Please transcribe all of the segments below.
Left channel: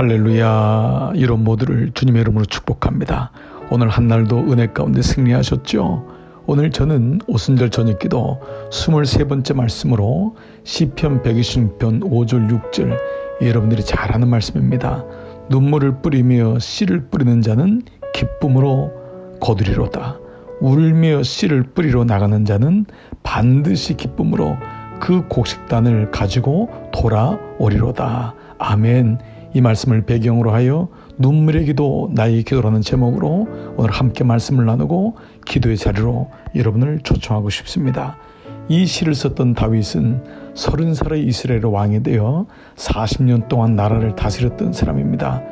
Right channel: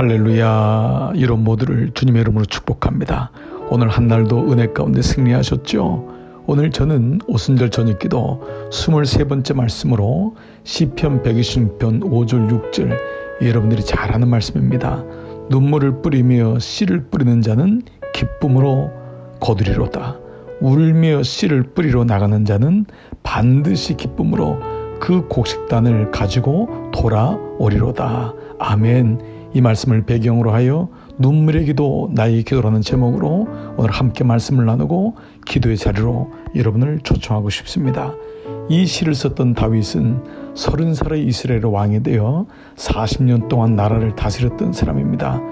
할렐루야. 이런 모두를 주님의 이름으로 축복합니다. 오늘 한날도 은혜 가운데 승리하셨죠? 오늘 저는 오순절 저녁기도 23번째 말씀으로 시편 126편 5절 6절 여러분들이 잘 아는 말씀입니다. 눈물을 뿌리며 씨를 뿌리는 자는 기쁨으로 거두리로다. 울며 씨를 뿌리러 나가는 자는 반드시 기쁨으로 그 곡식단을 가지고 돌아오리로다. 아멘. 이 말씀을 배경으로 하여 눈물의 기도 나의 기도라는 제목으로 오늘 함께 말씀을 나누고 기도의 자리로 여러분을 초청하고 싶습니다. 이 시를 썼던 다윗은 30살의 이스라엘 왕이 되어 40년 동안 나라를 다스렸던 사람입니다.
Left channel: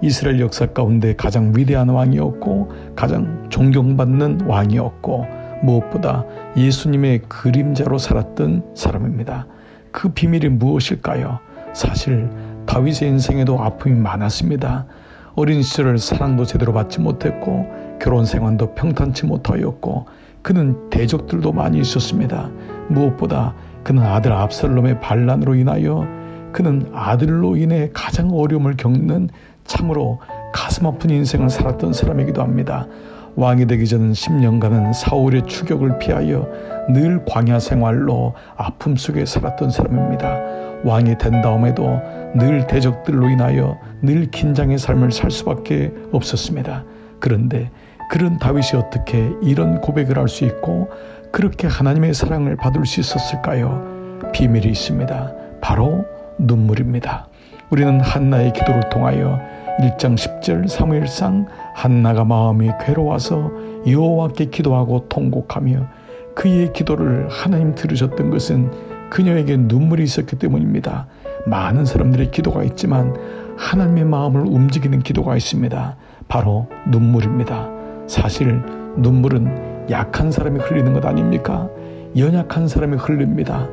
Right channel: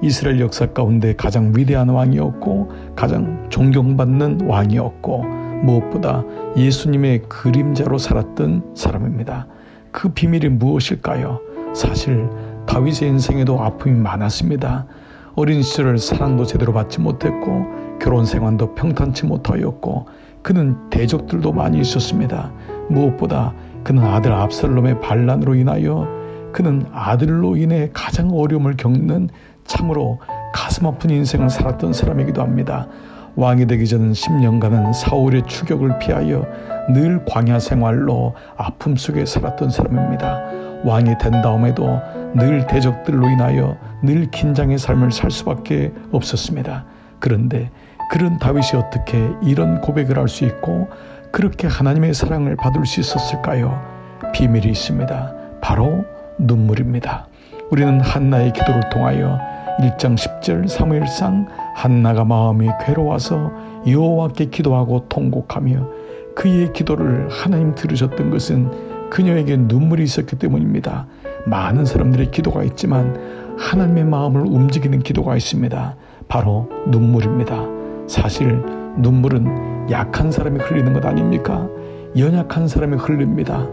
이스라엘 역사 가운데 가장 위대한 왕이었고 가장 존경받는 왕이었고 무엇보다 예수님의 그림자로 살았던 사람입니다. 그 비밀이 무엇일까요? 사실 다윗의 인생에도 아픔이 많았습니다. 어린 시절 사랑도 제대로 받지 못했고 결혼 생활도 평탄치 못하였고 그는 대적들도 많이 있었습니다. 무엇보다 그는 아들 압살롬의 반란으로 인하여 그는 아들로 인해 가장 어려움을 겪는 참으로 가슴 아픈 인생을 살았던 사람이기도 합니다. 왕이 되기 전 10년간은 사울의 추격을 피하여 늘 광야 생활로 아픔 속에 살았던 사람입니다. 왕이 된 다음에도 늘 대적들로 인하여 늘 긴장의 삶을 살 수밖에 없었습니다. 그런데 그런 다윗이 어떻게 이런 고백을 할 수 있고 그렇게 하나님의 사랑을 받을 수 있었을까요? 비밀이 있습니다. 바로 눈물입니다. 우리는 한나의 기도를 통하여 1장 10절 사무엘상 한나가 마음이 괴로워서 여호와께 기도하고 통곡하며 그의 기도를 하나님 들으셨던 것은 그녀에게 눈물이 있었기 때문입니다. 많은 사람들의 기도가 있지만 하나님의 마음을 움직이는 기도가 있습니다. 바로 눈물입니다. 사실 눈물은 약한 사람이 흘리는 것 아닙니까? 연약한 사람이 흘립니다.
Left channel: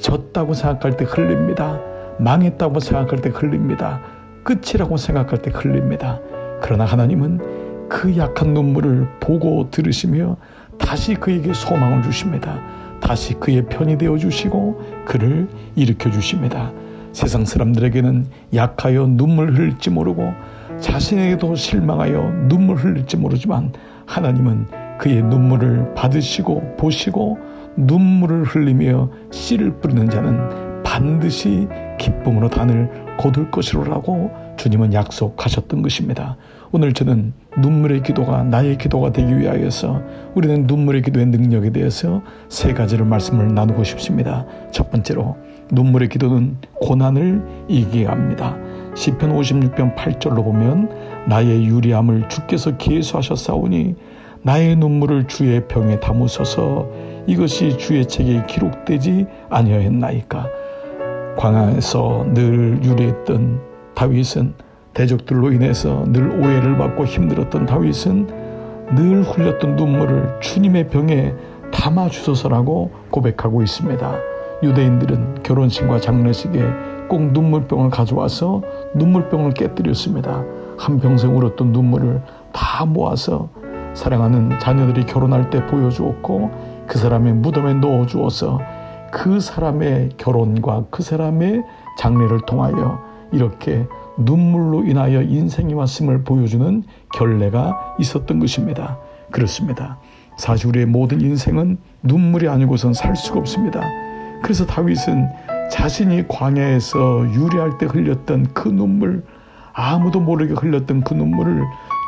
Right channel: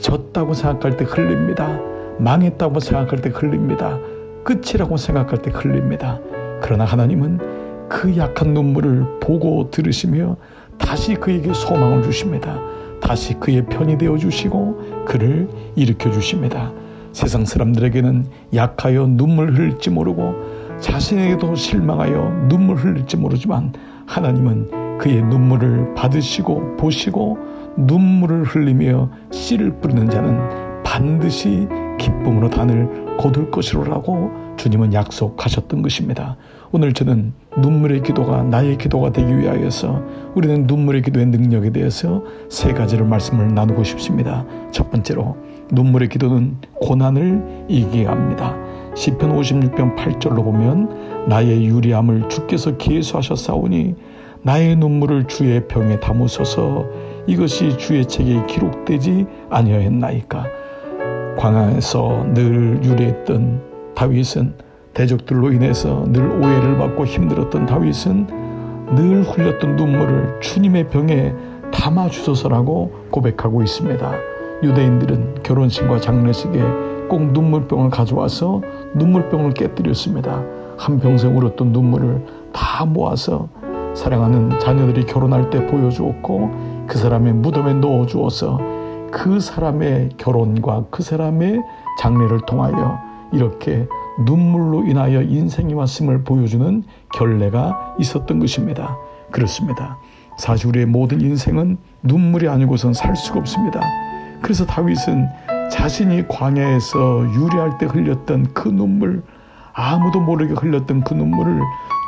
졌다고 생각할 때 흘립니다. 망했다고 생각할 때 흘립니다. 끝이라고 생각할 때 흘립니다. 그러나 하나님은 그 약한 눈물을 보고 들으시며 다시 그에게 소망을 주십니다. 다시 그의 편이 되어주시고 그를 일으켜 주십니다. 세상 사람들에게는 약하여 눈물 흘릴지 모르고 자신에게도 실망하여 눈물 흘릴지 모르지만 하나님은 그의 눈물을 받으시고 보시고 눈물을 흘리며 씨를 뿌리는 자는 반드시 기쁨으로 단을 거둘 것이로라고 주님은 약속하셨던 것입니다. 오늘 저는 눈물의 기도가 나의 기도가 되기 위하여서 우리는 눈물의 기도의 능력에 대해서 세 가지를 말씀을 나누고 싶습니다. 첫 번째로 눈물의 기도는 고난을 이기게 합니다. 시편 56편 8절로 보면 나의 유리함을 주께서 계수하셨사오니 나의 눈물을 주의 병에 담으소서 이것이 주의 책에 기록되지 아니하였나이까. 광야에서 늘 유리했던 다윗은 대적들로 인해서 늘 오해를 받고 힘들었던 다윗은 늘 흘렸던 눈물을 주님의 병에 담아주소서라고 고백하고 있습니다. 유대인들은 결혼식과 장례식에 꼭 눈물병을 가져와서 눈물병을 깨뜨렸습니다. 한평생 울었던 눈물을 다 모아서 사랑하는 자녀들이 결혼할 때 보여주었고 그 사람의 무덤에 넣어주어서 그 사람의 결혼과 그 사람의 장례를 통하여 이렇게 눈물로 인하여 인생이 왔음을 보여주는 결례가 있었던 것입니다. 그렇습니다. 사실 우리의 모든 인생은 눈물이 아니고선 살 수가 없습니다. 그래서 다윗은 자신이 광야에서 유리할 때 흘렸던 그 눈물, 아무도 모르게 흘렸던 그 눈물을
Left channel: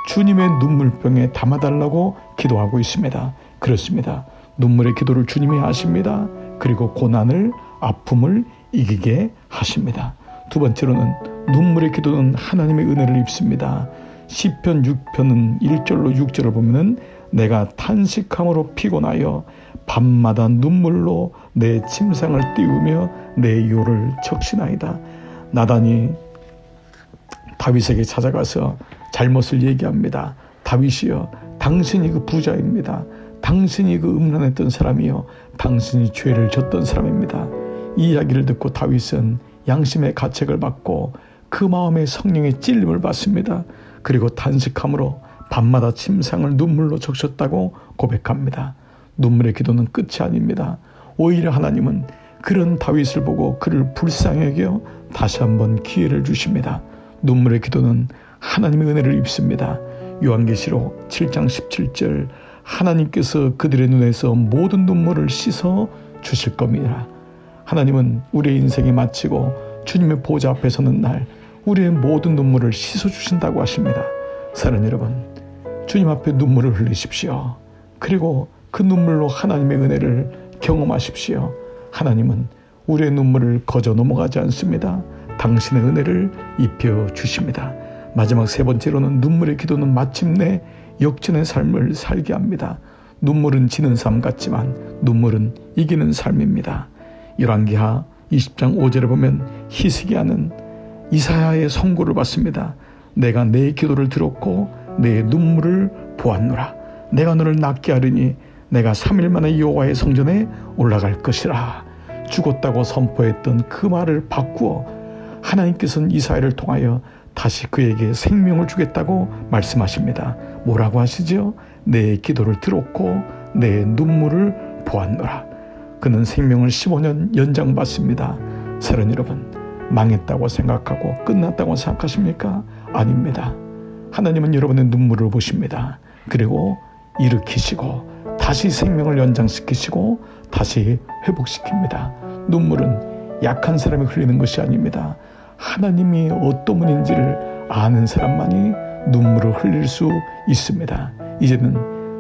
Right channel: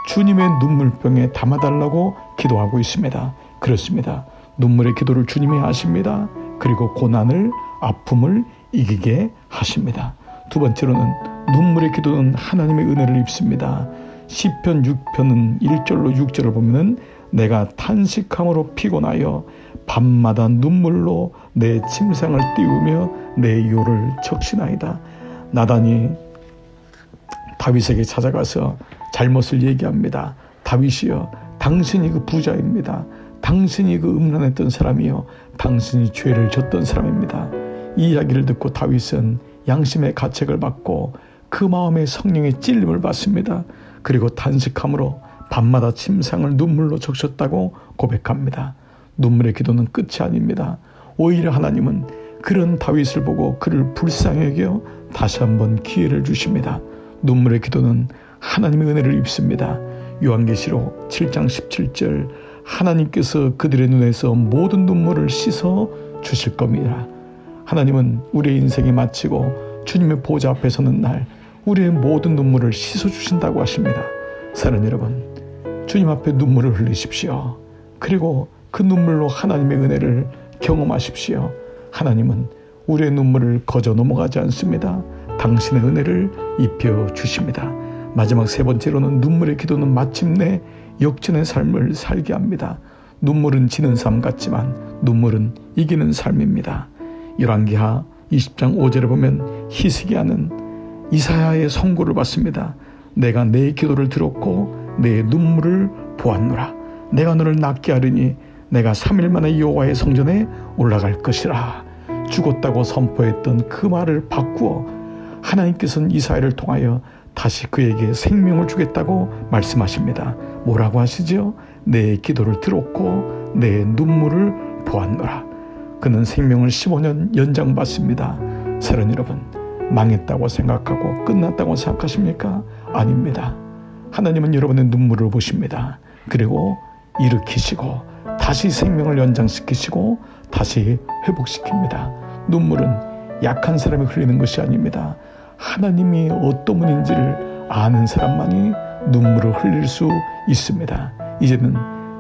주님의 눈물병에 담아달라고 기도하고 있습니다. 그렇습니다. 눈물의 기도를 주님이 하십니다. 그리고 고난을, 아픔을 이기게 하십니다. 두 번째로는 눈물의 기도는 하나님의 은혜를 입습니다. 시편 6편은 1절로 6절을 보면 내가 탄식함으로 피곤하여 밤마다 눈물로 내 침상을 띄우며 내 요를 적시나이다. 나단이 다윗에게 찾아가서 잘못을 얘기합니다. 다윗이여, 당신이 그 부자입니다. 당신이 그 음란했던 사람이요, 당신이 죄를 졌던 사람입니다. 이 이야기를 듣고 다윗은 양심의 가책을 받고 그 마음에 성령의 찔림을 받습니다. 그리고 탄식함으로 밤마다 침상을 눈물로 적셨다고 고백합니다. 눈물의 기도는 끝이 아닙니다. 오히려 하나님은 그런 다윗을 보고 그를 불쌍히 여겨 다시 한번 기회를 주십니다. 눈물의 기도는 하나님의 은혜를 입습니다. 요한계시록 7장 17절 하나님께서 그들의 눈에서 모든 눈물을 씻어 주실 겁니다. 하나님은 우리의 인생이 마치고 주님의 보좌 앞에 서는 날 우리의 모든 눈물을 씻어 주신다고 하십니다. 사랑하는 여러분, 주님 앞에 눈물을 흘리십시오. 그리고 그 눈물로 하나님의 은혜를 경험하십시오. 하나님은 우리의 눈물을 거저 넘어가지 않습니다. 당신의 은혜를 입혀 주십니다. 마지막 세 번째로는 눈물의 기도는 마침내 역전의 삶을 살게 합니다. 눈물은 지는 삶 같지만 눈물은 이기는 삶입니다. 열왕기하 20장 5절에 보면 히스기야는 이사야의 선고를 받습니다. 내가 내 기도를 들었고 내 눈물을 보았노라. 내가 너를 낫게 하리니 내가 3일 만에 여호와의 성전에 올라갈 것이라. 죽었다고 선포했던 그 말을 바꾸어 하나님께서는 이사야를 통하여 다시 그에게 생명을 주겠다고 말씀하십니다. 뭐라고 하시죠? 내 기도를 들었고 내 눈물을 보았노라. 그는 생명을 15년 연장받습니다. 사랑하는 여러분, 망했다고 생각하고 끝났다고 생각하십니까? 아닙니다. 하나님은 여러분의 눈물을 보십니다. 그리고 일으키시고 다시 생명을 연장시키시고 다시 회복시킵니다. 눈물은 약한 사람이 흘리는 것이 아닙니다. 하나님이 어떤 분인지를 아는 사람만이 눈물을 흘릴 수 있습니다. 이제는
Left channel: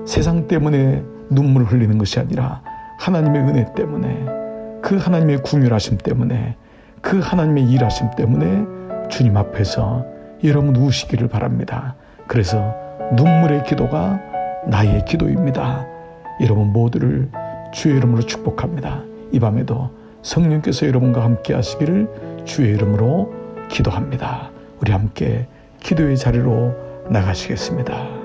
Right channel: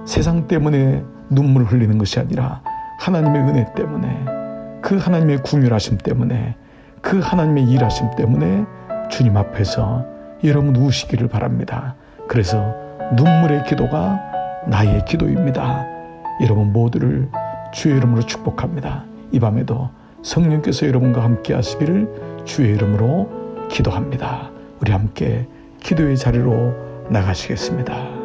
세상 때문에 눈물을 흘리는 것이 아니라 하나님의 은혜 때문에, 그 하나님의 궁휼하심 때문에, 그 하나님의 일하심 때문에 주님 앞에서 여러분 우시기를 바랍니다. 그래서 눈물의 기도가 나의 기도입니다. 여러분 모두를 주의 이름으로 축복합니다. 이 밤에도 성령께서 여러분과 함께 하시기를 주의 이름으로 기도합니다. 우리 함께 기도의 자리로 나가시겠습니다.